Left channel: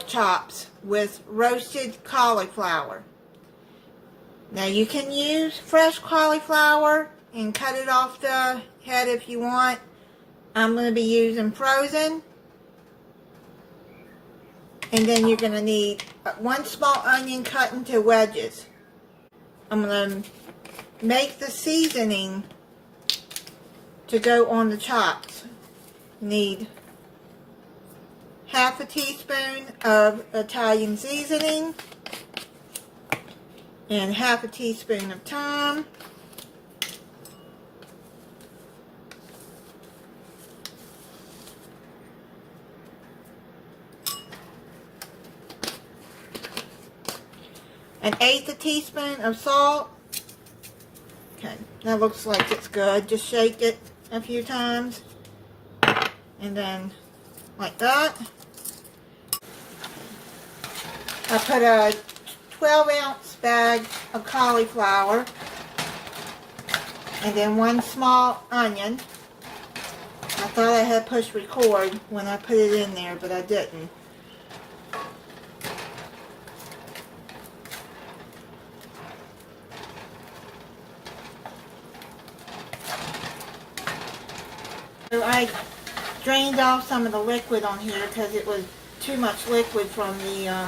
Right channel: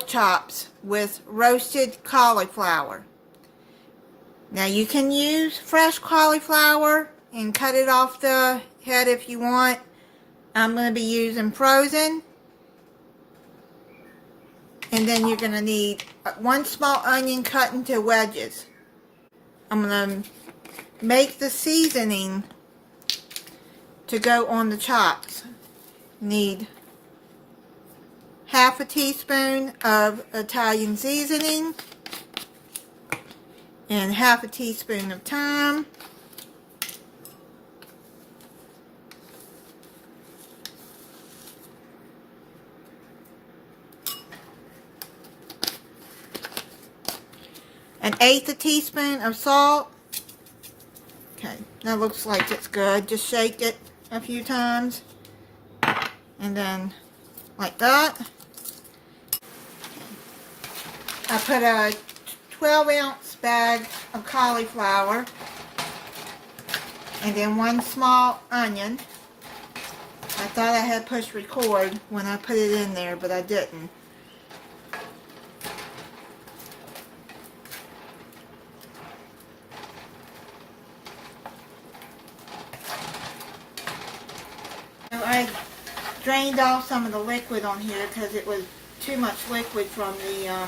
pork chops with roasted cauliflower. Now you can use fresh cauliflower and cut it off the head if you want. I'm going to be using frozen. And then you're going to need 1 small onion cut into wedges. I'm going to make the seasoning to go on the chops. Need half a teaspoon of Italian seasoning and half a teaspoon of thyme. An 1/8 a teaspoon of salt. Okay, that looks like it's good. Just shake it a few times. And then like that. I put a 12-ounce bag of cauliflower. And then 1 small onion. I thought I had pushed record when I put it in there, but I didn't. So I drained off some of the liquid on here because it was too much liquid from the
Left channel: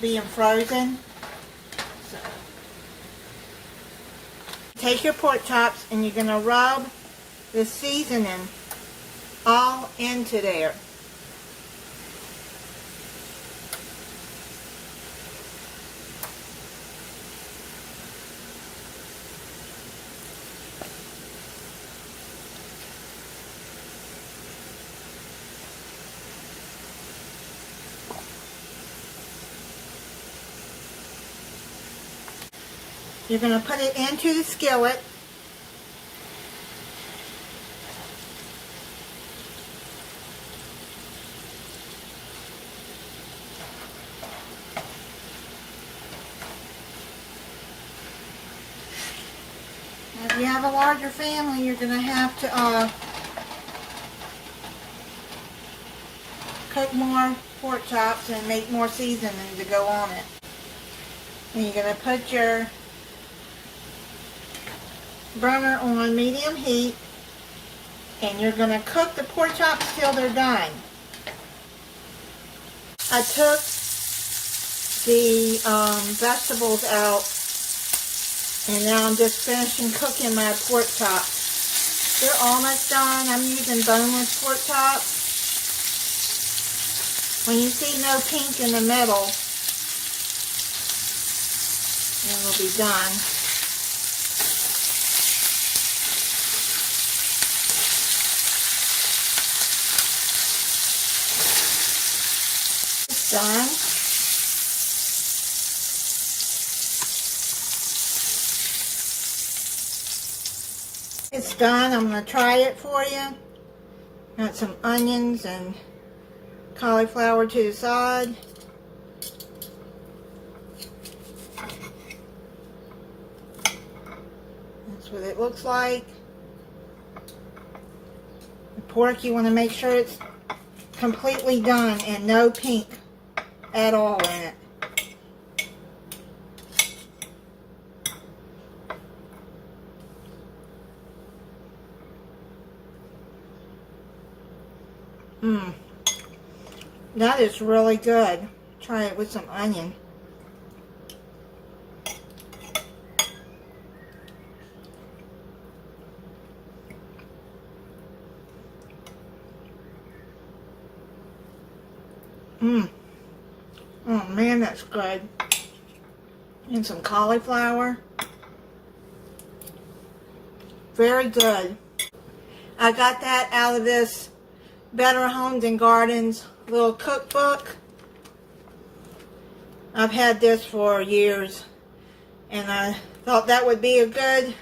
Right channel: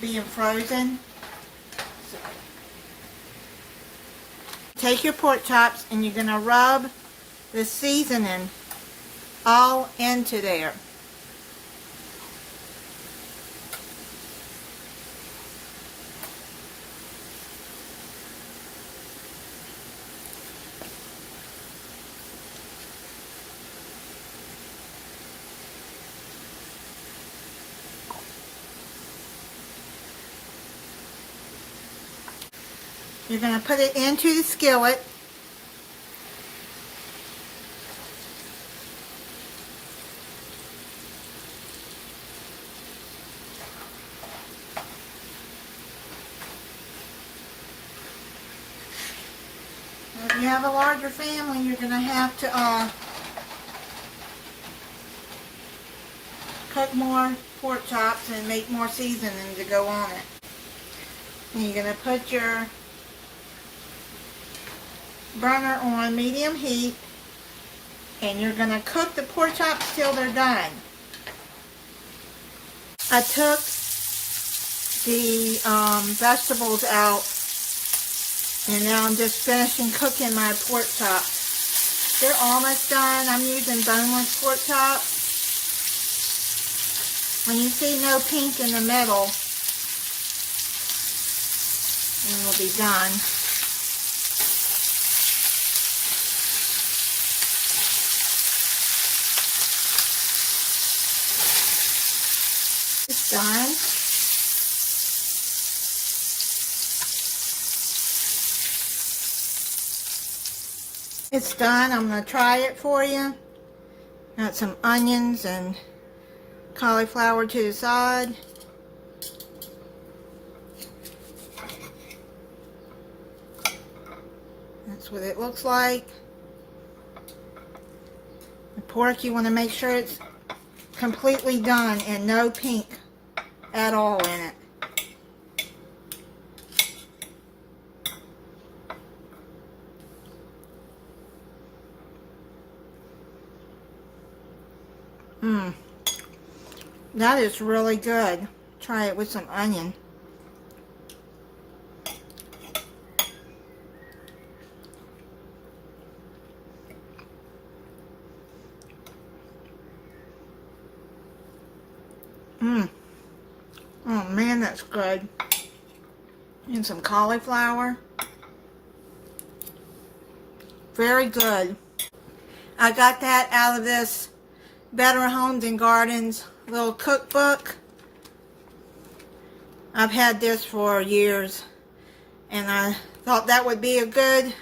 being frozen. So, take your pork chops and you're going to rub the seasoning all into there. You're going to put it into the skillet. If you have a larger family, you're going to have to cook more pork chops and make more seasoning to go on it. And you're going to put your burner on medium heat, and you're going to cook the pork chops till they're done. I took the vegetables out, and now I'm just finishing cooking my pork chops. They're almost done. I'm using boneless pork chops. When you see no pink in the middle, it will be done. Done. It's done. I'm going to try it for you. Got some onions and cauliflower to the side. That's what it looks like. The pork, you want to make sure it's completely done and no pink at all in it. That is really good. Try it with some onion. Oh man, that's good. And some cauliflower. Very good. I got that out of this Better Homes and Gardens little cookbook. I've had this for years, and I thought that would be a good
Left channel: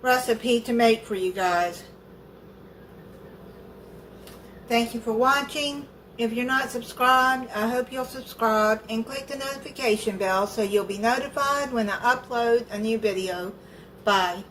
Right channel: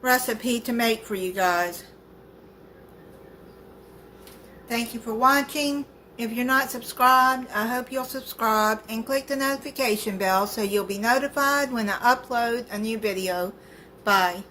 recipe to make for you guys. Thank you for watching. If you're not subscribed, I hope you'll subscribe and click the notification bell so you'll be notified when I upload a new video. Bye.